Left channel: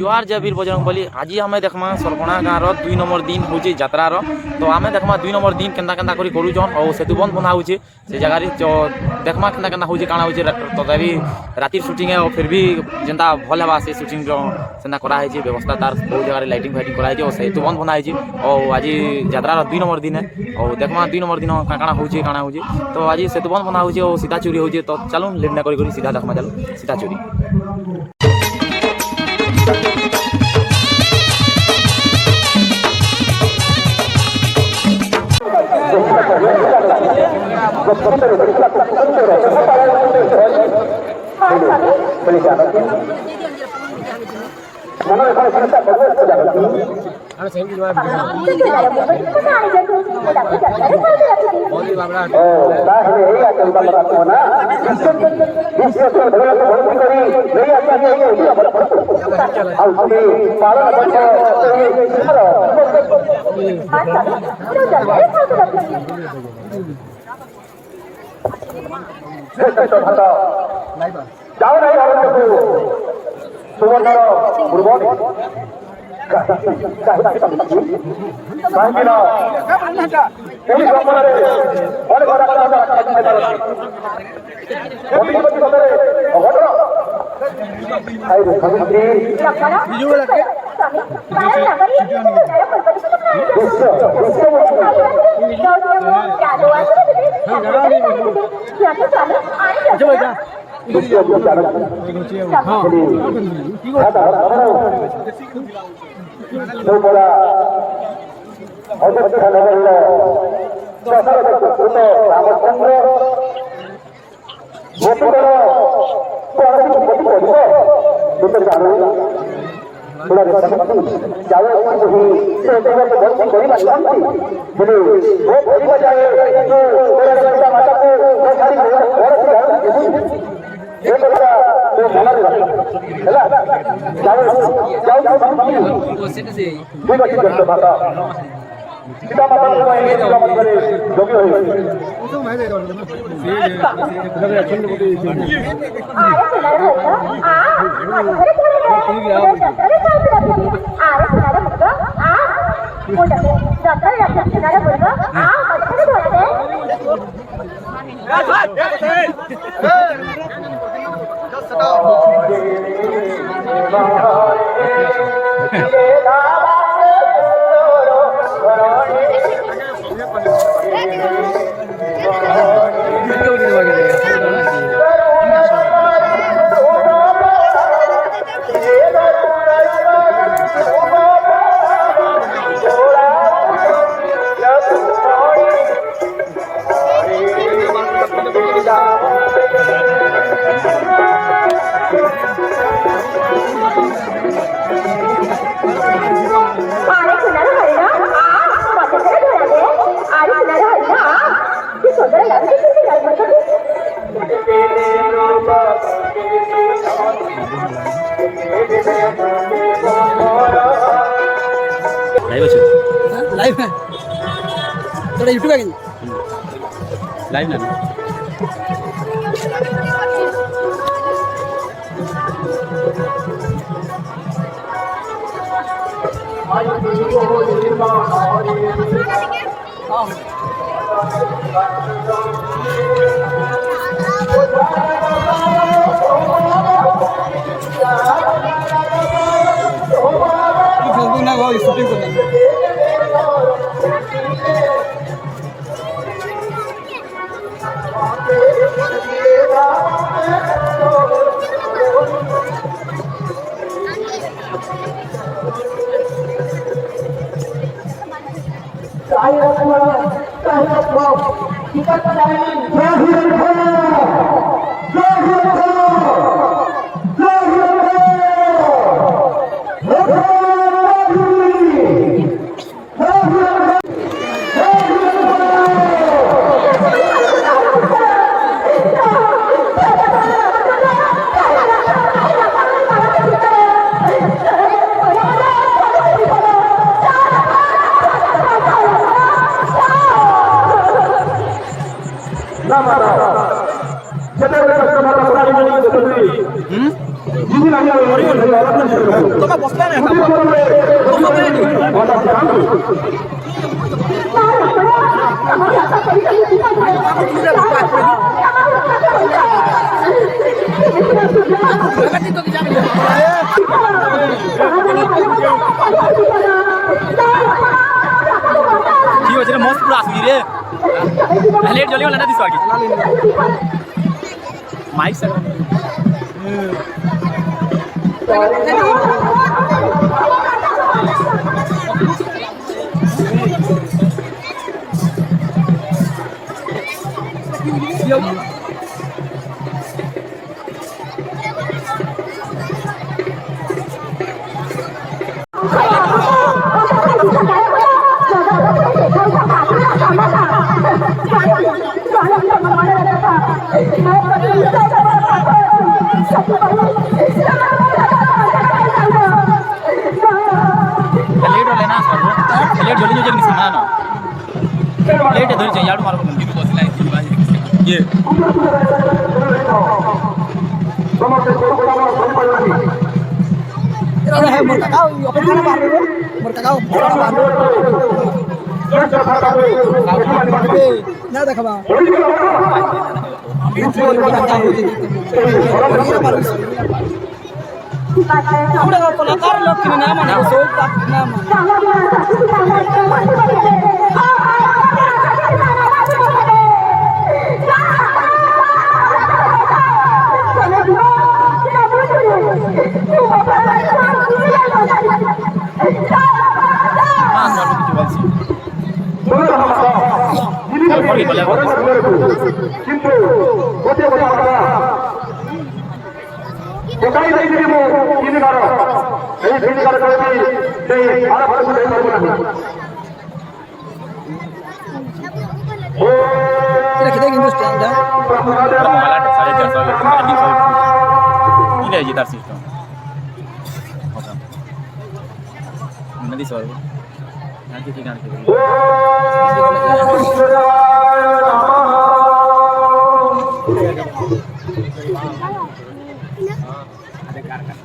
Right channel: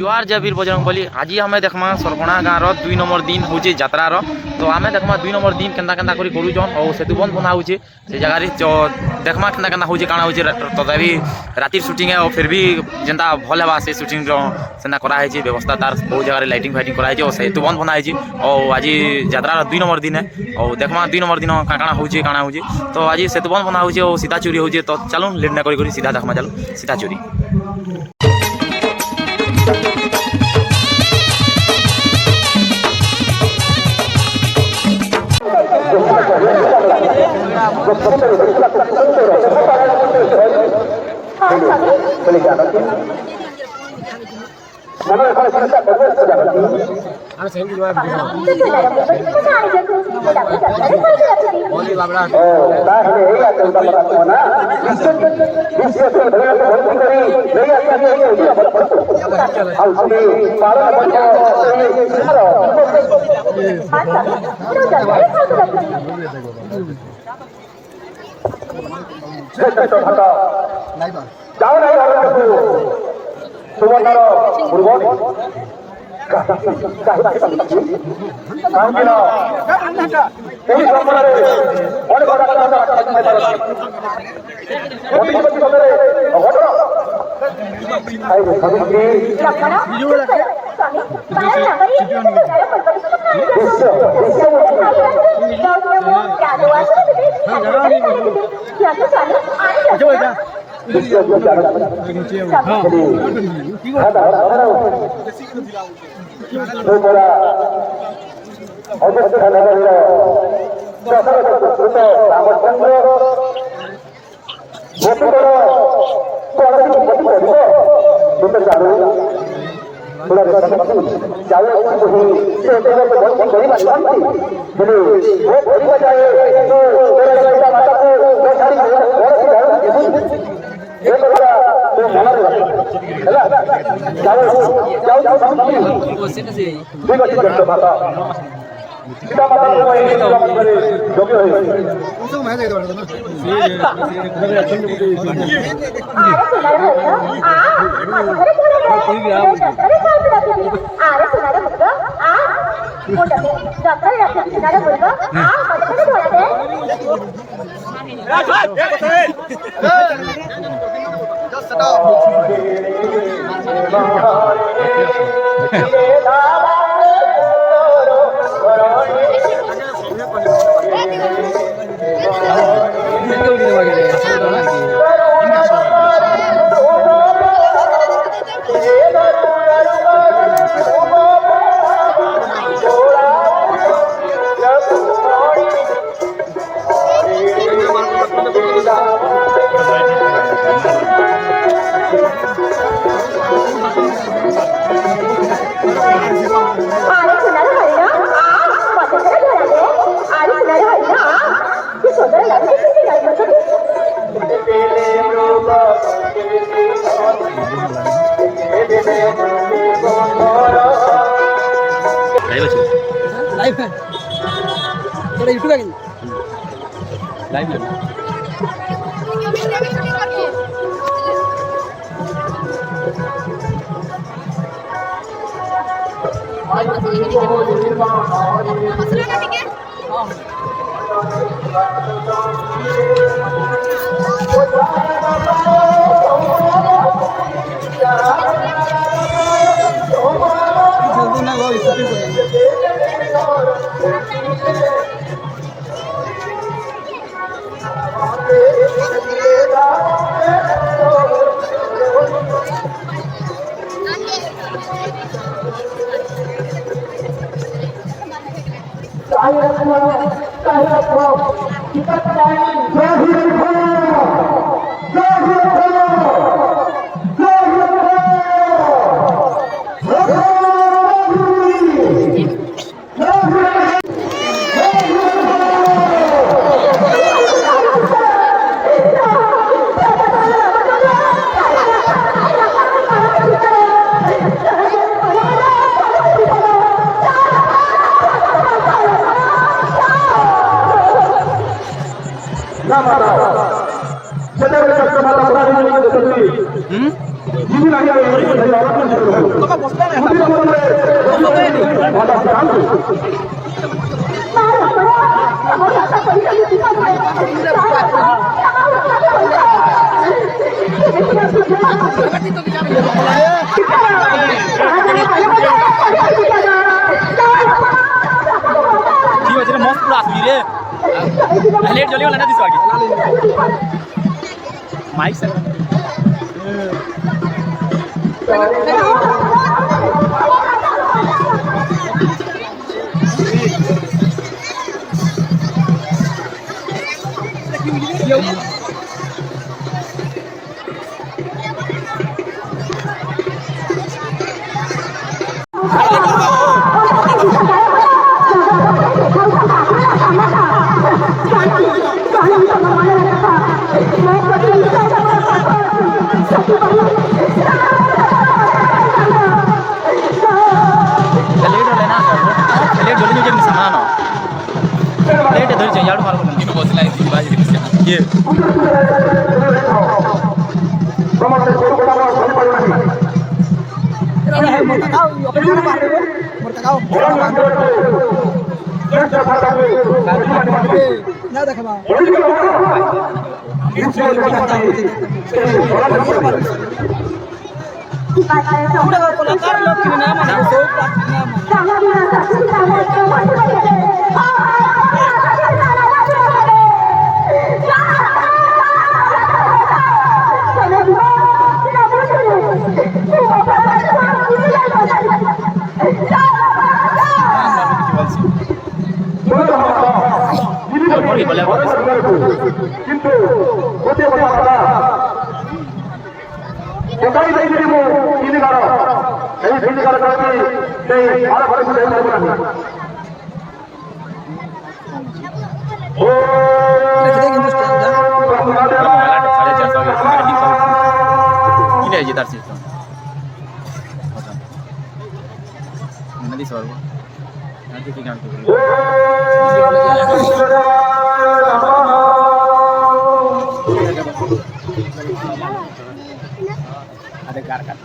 जुआर जय वीर बजरंगबली। आज आम देखमा सरकणा गाँव 2 नंबर दिन हूँ यात्रार। तो आम देखमा 2 नंबर दिन केन्ता केन्ता करी करूछन और सेतु बंद बना हो से जगार देखमा केन्ता केन्ता हूँ काଣା हो तथापि रातिर सुटिंग है और फिर भी जेनता भल है से सुटिंग सेना कराई व्यवस्था तार बहुत जगह लाइटिंग फाइटिंग कराई और सेतु बंद बना और आज यात्रार 2 नंबर दिन है और देखमा 2 नंबर दिन काଣା हो तो आज सेतु बंद बना हो और सीधा चोरी हो तो चलो लेट ना करी सीधा देखमा चलो सीधा चोरी। लाइव है तेरा यूट्यूब है लाइव ना কি হয়েছে মস্ত পুরো আসবি রে লেট জলি না দিস আগে মাইক স্যার लेट हो लेना लेट जल्दी जो जल्दी सामान ना लेट है धरी चाहिए यार मारो बोलना किनो बसला ये না দেখাবা কলাকার লোক কিনে না মানে সব না ऊपर की बल्ले बहुत mobile 450 ini aja tar sistem nanti suara nanti tinggal ada karkas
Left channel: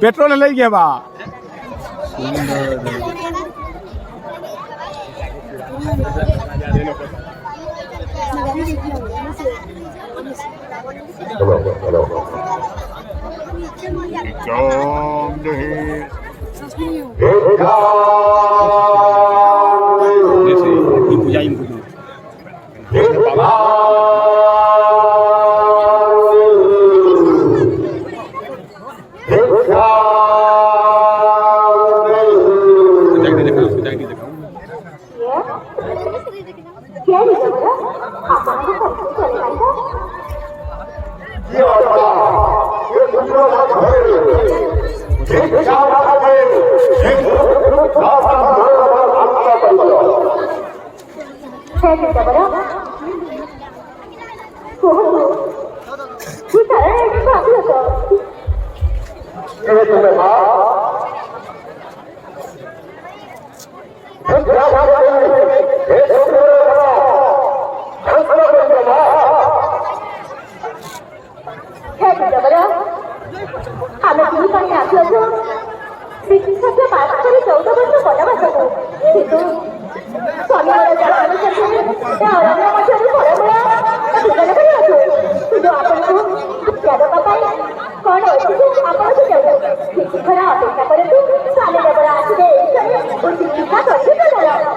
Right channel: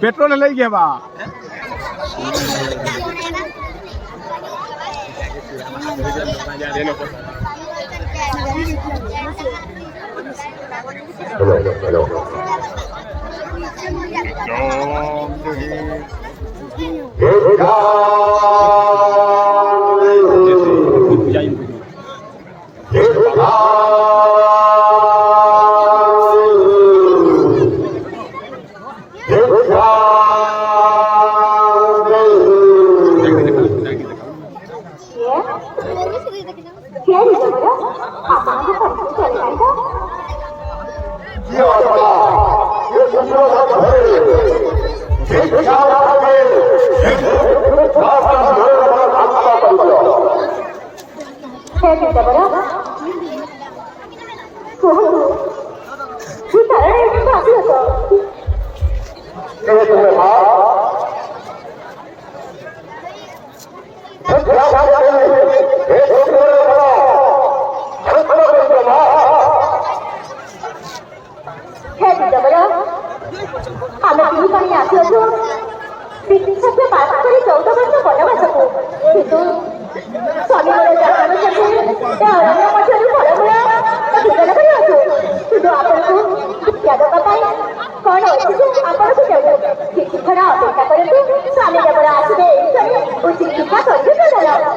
petrol ले गया बा ଏହି ପାଇଁ ଆସିଅଛୁ ବିଶେଷ ପାଠ କରି 14 ବର୍ଷ ବନବାସକୁ କିନ୍ତୁ ସ୍ୱାମୀଙ୍କର ଜନ୍ମ ସତ୍ତ୍ୱେ ତା ଅରଣ୍ୟ ମଧ୍ୟରୁ ଫଳମୂଳ ଭୋଜନ କରିଅଛୁ କିନ୍ତୁ ଆପଣଙ୍କୁ ଶିକ୍ଷା ଦେବା ପାଇଁ କଣ ଅଛି ଯେ ଆପଣଙ୍କୁ ଦେବୁ କିଛିକ୍ଷଣ ଅପେକ୍ଷା କରନ୍ତୁ ସ୍ୱାମୀ ଦେବର ଆସିବେ ଏଇଠାରେ ଉଚିତ ଶିକ୍ଷା କରିବେ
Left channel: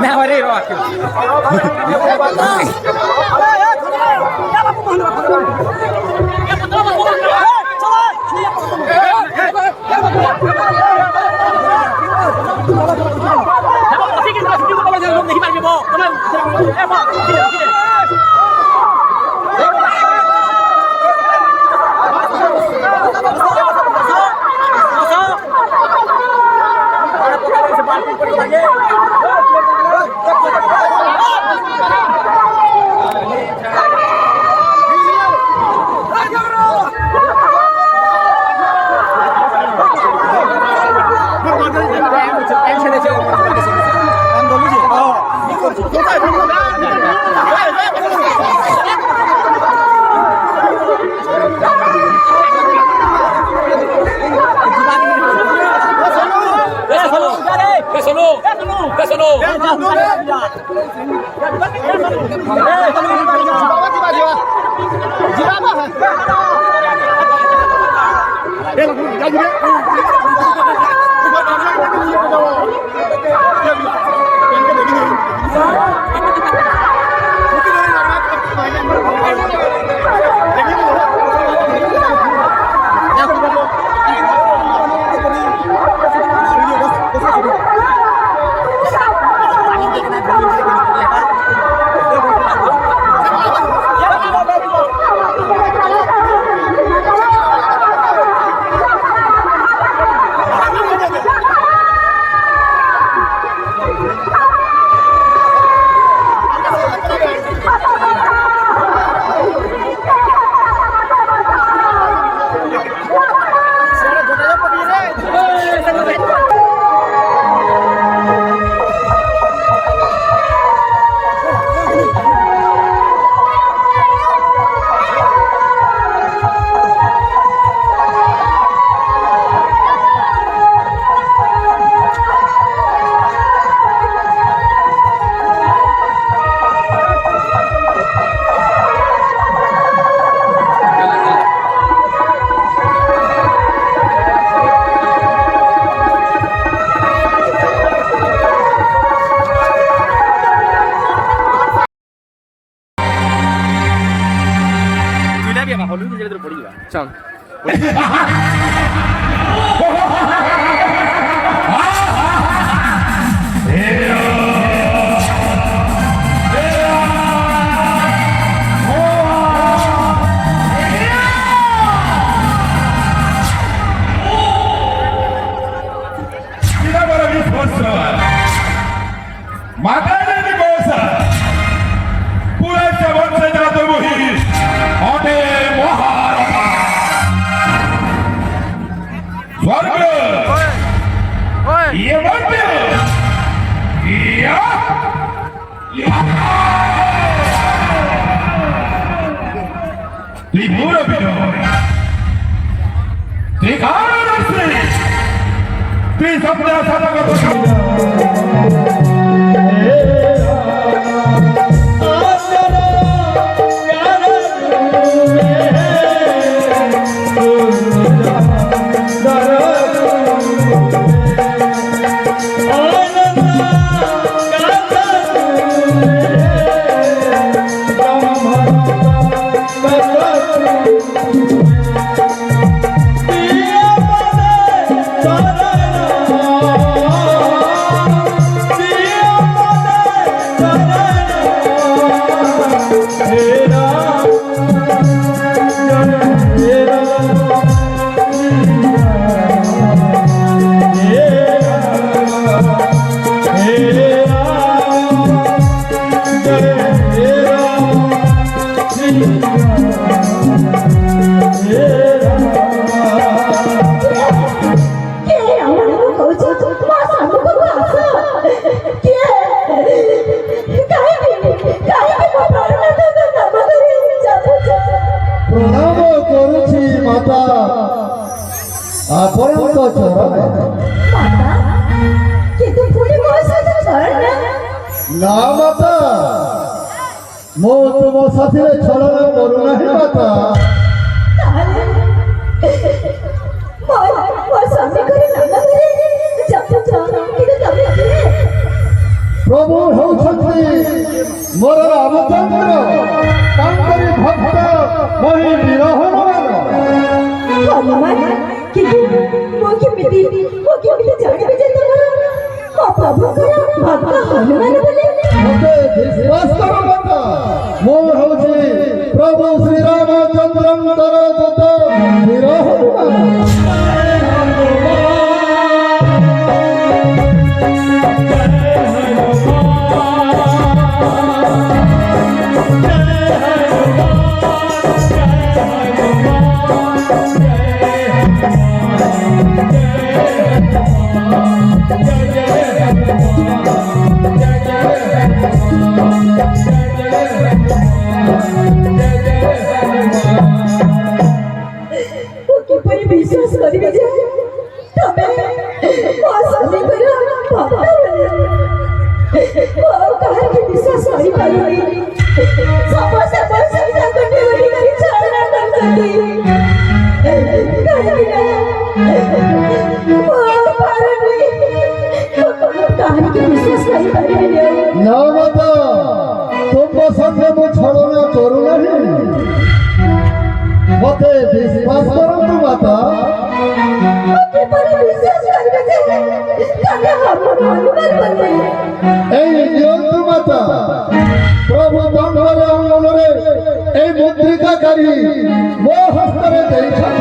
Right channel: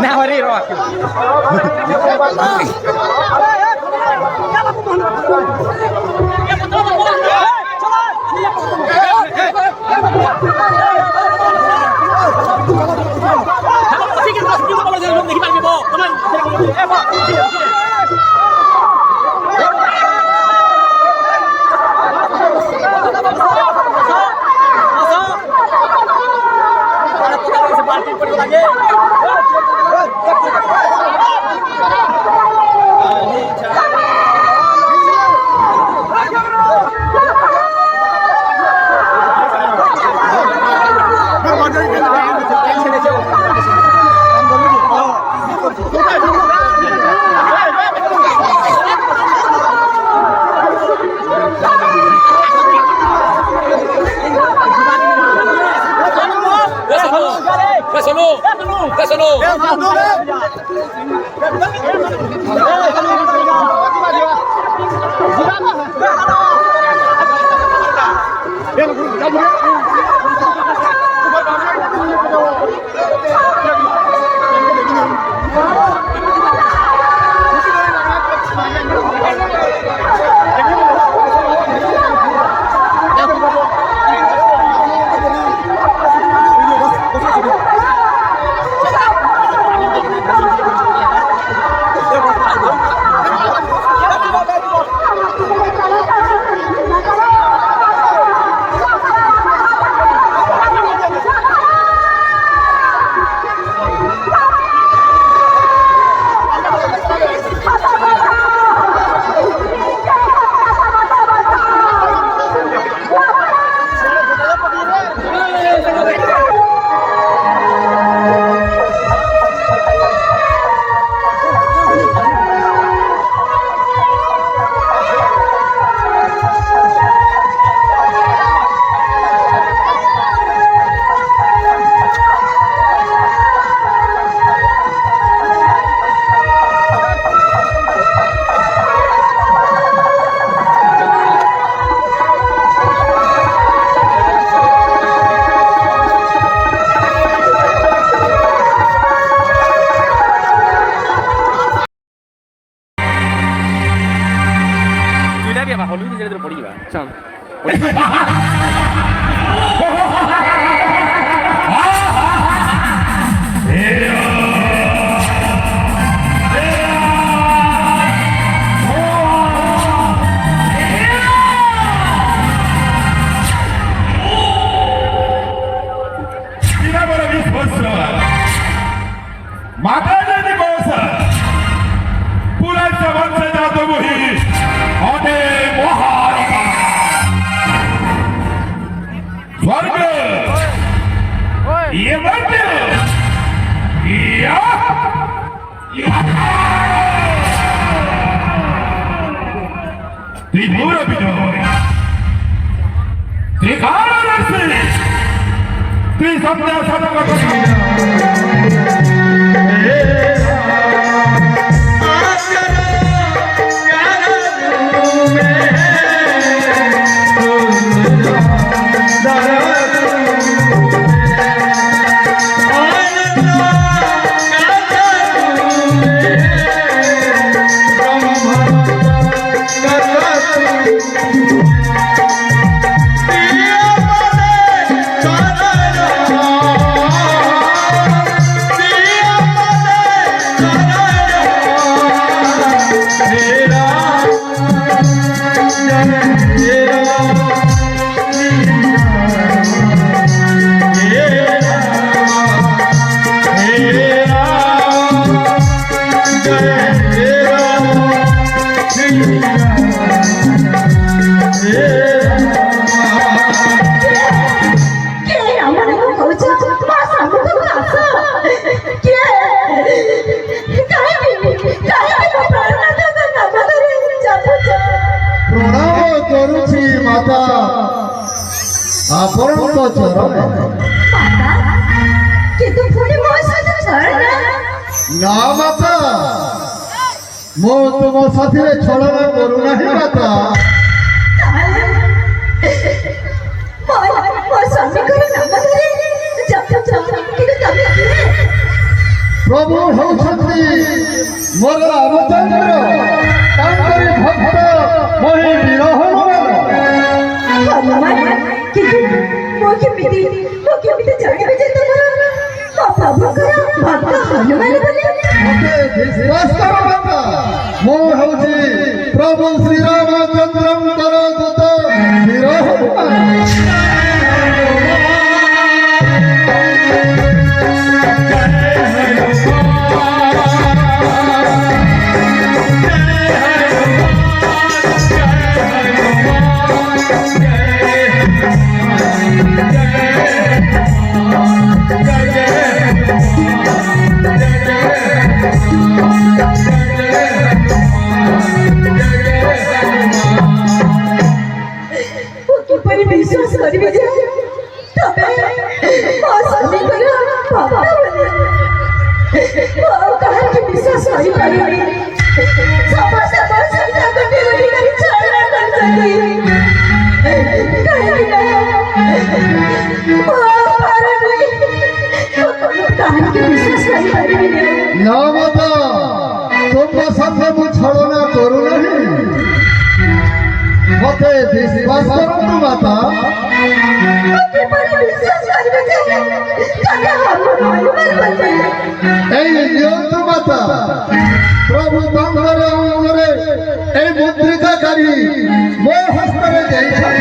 Now I need rock. Yeah. କିଏ ଆମମାନଙ୍କୁ କହୁଛ ମୋ ସାଙ୍ଗକୁ ଆସ କିଏ କାହିଁକି ମୋ ପ୍ରାଣନାଥଙ୍କ ନାମ ଧରି ଚାଲୁଛ ପ୍ରଣାମ କରୁଛି ମାତା ଆପଣଙ୍କ ଚରଣ ମାତା କିନ୍ତୁ ପୁଣି ମୋ ସହିତ ଛଳନା ନା ମାତା ମୁଁ ତୁମ ସାଥିରେ ଛଳନା କରୁନାହିଁ ମାତା ତାହେଲେ ମୋ ସ୍ୱାମୀଙ୍କର ନାମ ଧରି ଚାଲୁଛ କିନ୍ତୁ ତମେ କିଏ ପ୍ରଭୁ ହେଉଛନ୍ତି ମୋର ରାମଚନ୍ଦ୍ର ତାଙ୍କରି ଭକ୍ତ ମହି ବିରହମାନ ହନୁମାନ କିନ୍ତୁ ମୁଁ କେମିତି ଜାଣିବି ଯେ ତମର ପ୍ରଭୁଙ୍କର ଭକ୍ତ ହନୁମାନ ବୋଲି ମୋତେ ବିଶ୍ୱାସ କର ମାତା ମୁଁ ହେଉଛି ପ୍ରଭୁ ଶ୍ରୀରାମଚନ୍ଦ୍ରଙ୍କର ଦୂତ ବିରହମାନ ମୁଁ କିପରି ବିଶ୍ୱାସ କରିବି ଯେ ତମେ ମୋ ସ୍ୱାମୀଙ୍କର ଭକ୍ତ ବୋଲି ମୁଁ କାହାକୁ ବିଶ୍ୱାସ କରିପାରିବି ସମସ୍ତେ ମୋ ସହିତ ଗୋଟି ଗୋଟି କରି ଛଳନା କରୁଛନ୍ତି କାହିଁକି ନା ମୋ ପାରୁନି କାହାକୁ ବିଶ୍ୱାସ କରିପାରିବିନି ନା ମାତା ତୁମ ସାଥେ ମୁଁ ଛଳନା କରୁନାହିଁ ମୋତେ ବିଶ୍ୱାସ କରନ୍ତୁ ମାତା କିପରି ବିଶ୍ୱାସ କରିବି ଯେ ତମେ ହନୁମାନ ବୋଲି এই নিয়ন্তু মাতা প্রভু তাঙ্গর অঙ্গরে এই মুদ্রিকাকারী ମୋ ହସ୍ତରେ ଦେଇଛନ୍ତି